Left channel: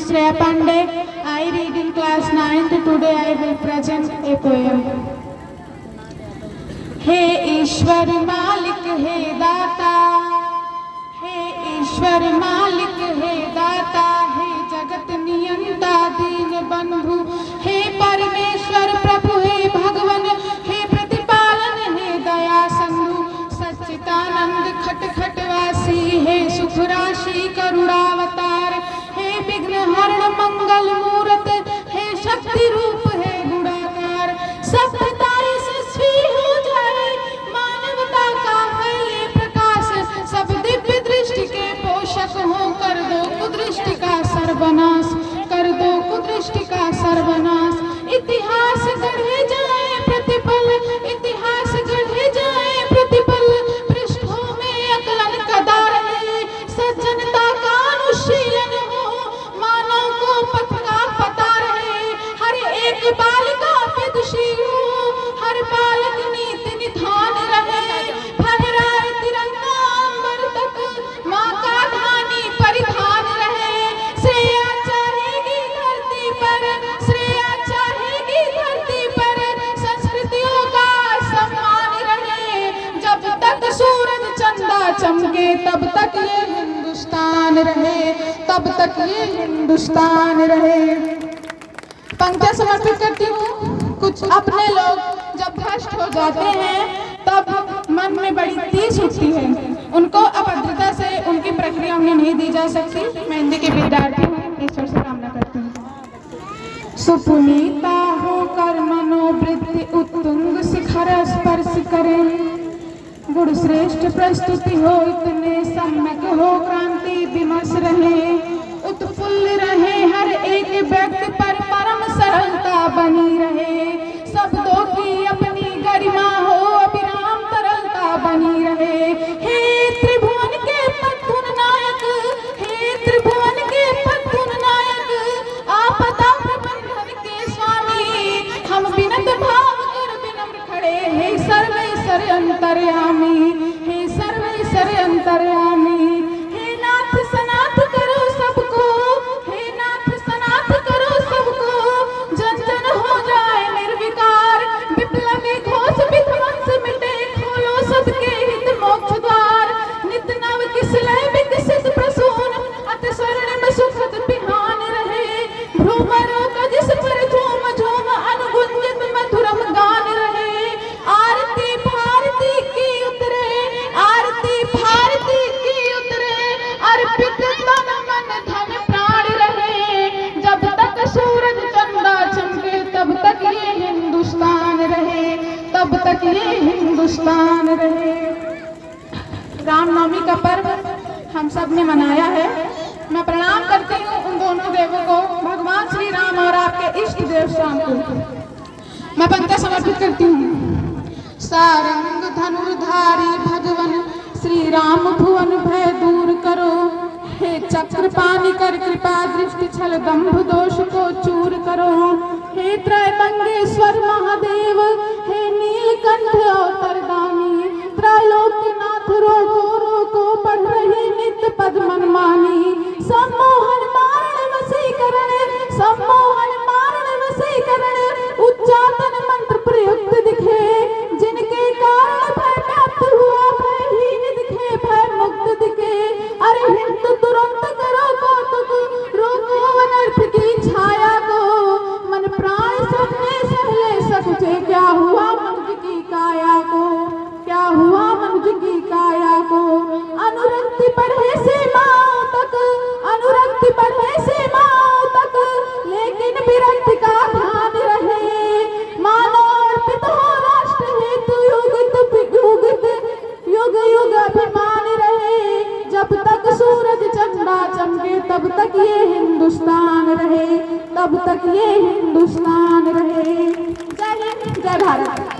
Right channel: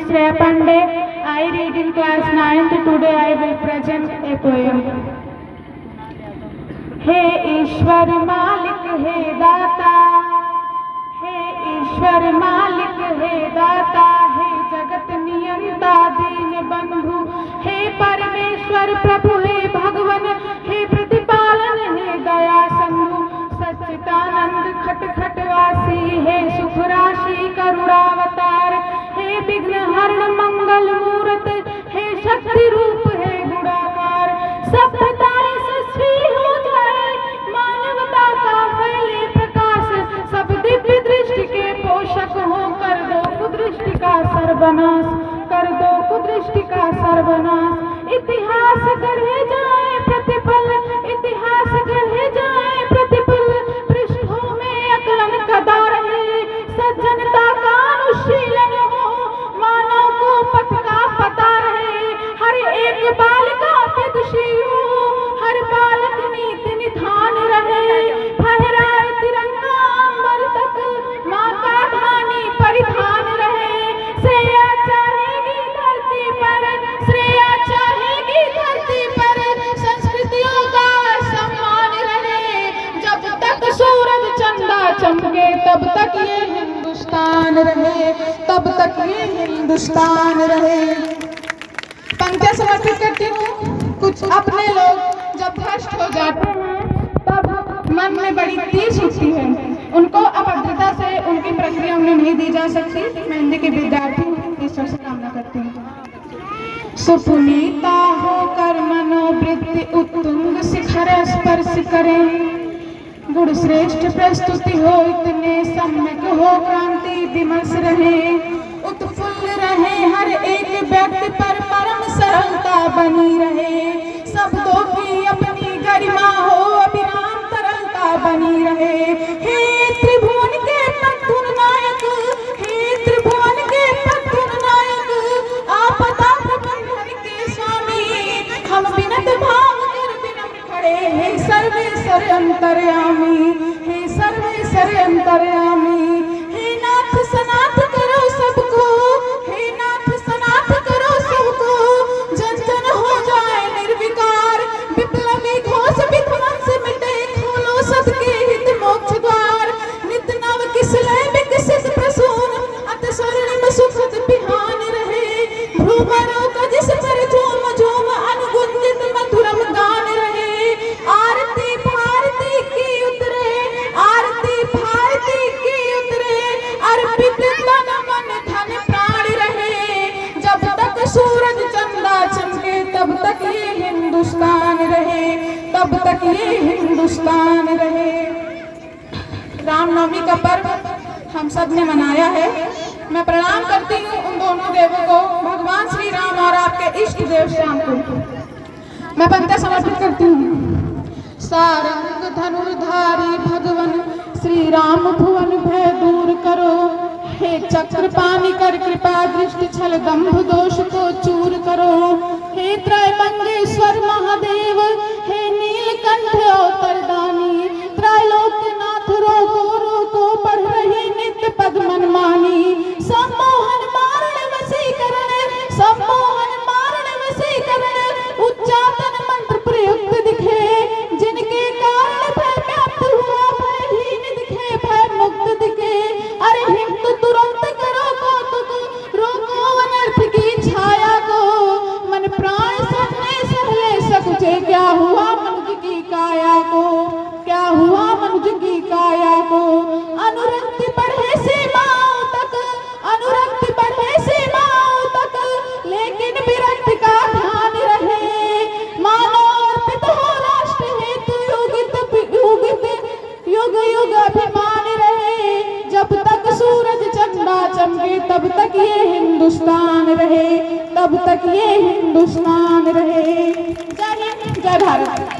is Shreya Pandey. I read in class 9th. Today I will present a poem. हे ईश्वर मालिक हे दाता, हे ईश्वर मालिक हे दाता, हे जगत नियंता दीन बंधु, हे परमेश्वर प्रभु, हे भगवन, हे प्रतिपालन, हे दया सिंधु, सच्चिदानंद खट खटवासी, हे सुख राशि करुणावतार, हे विघ्न हरण मंगल मूर्त, हे शक्ति रूप, हे गुणाकार, सभ्यता यशस्वी हो जाए, मानवता का फैले प्रकाश, सब दिव्य दृष्टि के पोषक हो, कर दो कुदृष्टि का सर्वनाश, कर दो कुदृष्टि का सर्वनाश। इतिहास गढ़े जाए प्रतिपल, इतिहास गढ़े जाए प्रतिपल, पृष्ठों में अकलन कदा रहे, सज्जनता का अनुशीलन हो, मानव को पथ का पता रहे, हर एक बालिका पे दुषी हो, हर बालक नीति निधान रहे, फहराए तिरंगा अंबर तक, माँ का धानी परिधान रहे, श्रेया चाहेगी धरती पर, श्रेया चाहेगी धरती पर, संस्कृतियों का सम्मान रहे, जब तक सूरज चंदा चमके तब तक ये हिंदुस्तान रहे, तब तक ये हिंदुस्तान रहे। पंक्तियां समर्पित करती हूँ। कुछ अपने लोग जब भ्रष्ट हो जाते हैं तब मन में बड़ी टीस उठती है, उनको अभद्रता से उनकी प्रक्रिया उन्हें नहीं दी जा सकती। मैं हिंदी के विद्यार्थी हूँ, ईश्वर से कामना करती हूँ। सुपुनीता होकर मनोवृत्ति उत्तुंग शिखर स्पर्श करें, गुण श्रेष्ठ प्रस्तुति हो इतने सम्यक हो, क्रांति विमर्श रहे, उत्फुल्ल रहे, हर एक व्यक्ति पर परम सरलता बनी रहे, शब्दों की अपनी गरिमा हो, अविराम तरलता बनी रहे। हे त्रिभुवन के पद्धुन नायक, हे त्रिभुवन के पद्धुन नायक, आपदा प्रबंधन के स्वामी, हम विनत भाव कर विनम्र खड़े, हे सर्वेश्वर अंतर्यामी, हे सर्वेश्वर अंतर्यामी। हे नाथ सनाथ करो सबको, हे नाथ सनाथ करो सबको, जन जन हो जाए निर्विकार, विप्लवी घोष विध्वंस मिटे, खोलो सबके हित मोक्ष द्वार, नित नव किसलय विकसित प्रसून, अति स्वर्णिम सुखद बिहान रहे, भ्रूमरों का जिस पर झूम झूम अनुगुंजित मधुरम गान रहे, आरती भारती की उतरे, आरती भारती की उतरे, अर्पित तन मन धन प्राण रहे, जब तक सूरज चंदा चमके तब तक ये हिंदुस्तान रहे, तब तक ये हिंदुस्तान रहे। रामनवमी का पर्व हम सब ने मनाया है। मैं प्रणाम करती हूँ उन दोनों देवों को, भगवान श्री राम और आपके इष्ट देव श्याम को। मैं पंक्तियां समर्पित करती हूँ। सारंग धनुर्धारी भगवन श्री राम भुवन भय दूर करो, हे चक्र पानी कर कृपा दृष्टि छल दंभ दोष को चूर करो, हे त्रैबंगेश्वर महादेव, हे नीलकंठ अवतरदानी, त्रैलोक्यनाथ रोको रोको पढ़ रही नित्य पद मनमानी, सम्मोहन मारण वशीकरण, सम्मोहन मारण वशीकरण, उच्चाटन मंत्र प्रयुक्त दिखे, जिनके कारण भय व्याप्त हुआ, भयहीन दिखे भय मुक्त दिखे, अरे हिंद तुरंत करो कौतुक, रोको अनर्थ की छाया को, मन प्राण सबने सहले सकुचे, क्या हुआ मनुष्य की काया को, क्या हुआ मनुष्य की काया को, अनुरक्ति बढ़े सीमाओं तक, अनुरक्ति बढ़े सीमाओं तक, लेकिन विरक्ति का ध्यान रहे, मानो अर्पित हो राष्ट्र हेतु युग युग अभिमान रहे, जब तक सूरज चंदा चमके तब तक ये हिंदुस्तान रहे, तब तक ये हिंदुस्तान रहे। जय हिंद, जय भारत।